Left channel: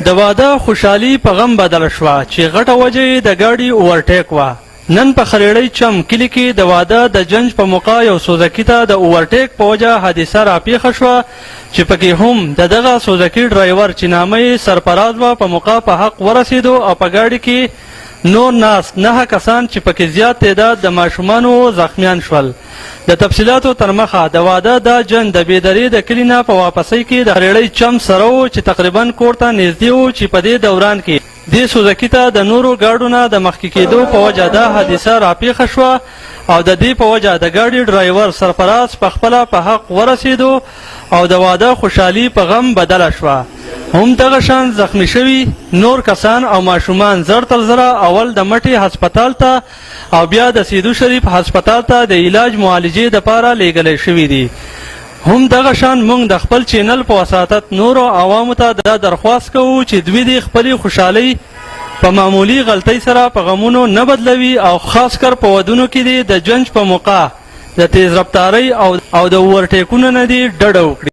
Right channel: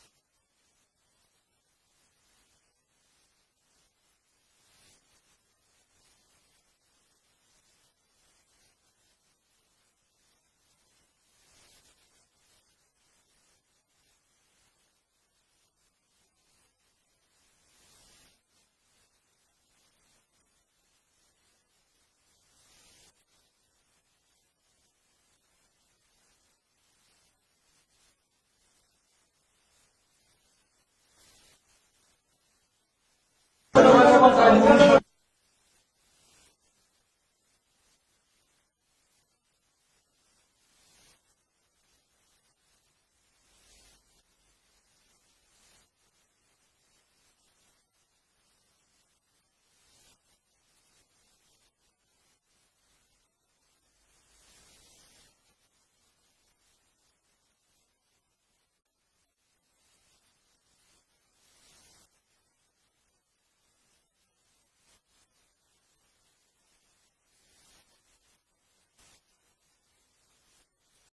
د واده خوشحالي په غم بدله شوه چې غټه وجه یې د ګاډي اوورټیک وه. نن په خریړی چم کلي کې د واده د جنج په موقع یو سوزکي ته د اوورټیک په وجه حادثه راپېښه شوه چې پکې هم د دغه سوزکي ډرایور چې نامه یې سرفراز وه په موقع په حق ورسېدو او په ګاډي کې نور ناست 9 کسان چې پکې زیات تعداد د ماشومانو زخمیان شول. د تفصیلاتو تر مخه د واده دا جنګ د بېدرې د کلي نه په واپسۍ کې د خریړی چم سره و چې تقریبا کور ته نږدې و چې په دې دوران کې دې سوزکي ته د نورو ګاډو نه د مخکې کېدو په وجه دا حادثه راپېښه شوه او د دې په وجه د ګاډي ډرایور سرفراز په خپله په حق ورسېدو او د واده خوشحالي په غم بدله شوه. هم دغه شان زخمی شوي نور کسان او ماشومان زر تر زره اول د مټې هسپتال ته او بیا د سیدو شریف هسپتال ته د علاج معالجې دپاره لیږلی شوي دي. هم دغه شان موږ د خپل چینل په وساطت نورو عوامو ته دا درخواست کوو چې دوی د خپلې خوشحالۍ په معمولي غلطۍ سره په غمونو نه بدلوي او خاص کر په ودونو کې د جنج په موقع د تیز رفتارۍ او د اوورټیکونو نه دې ډډه وکړي.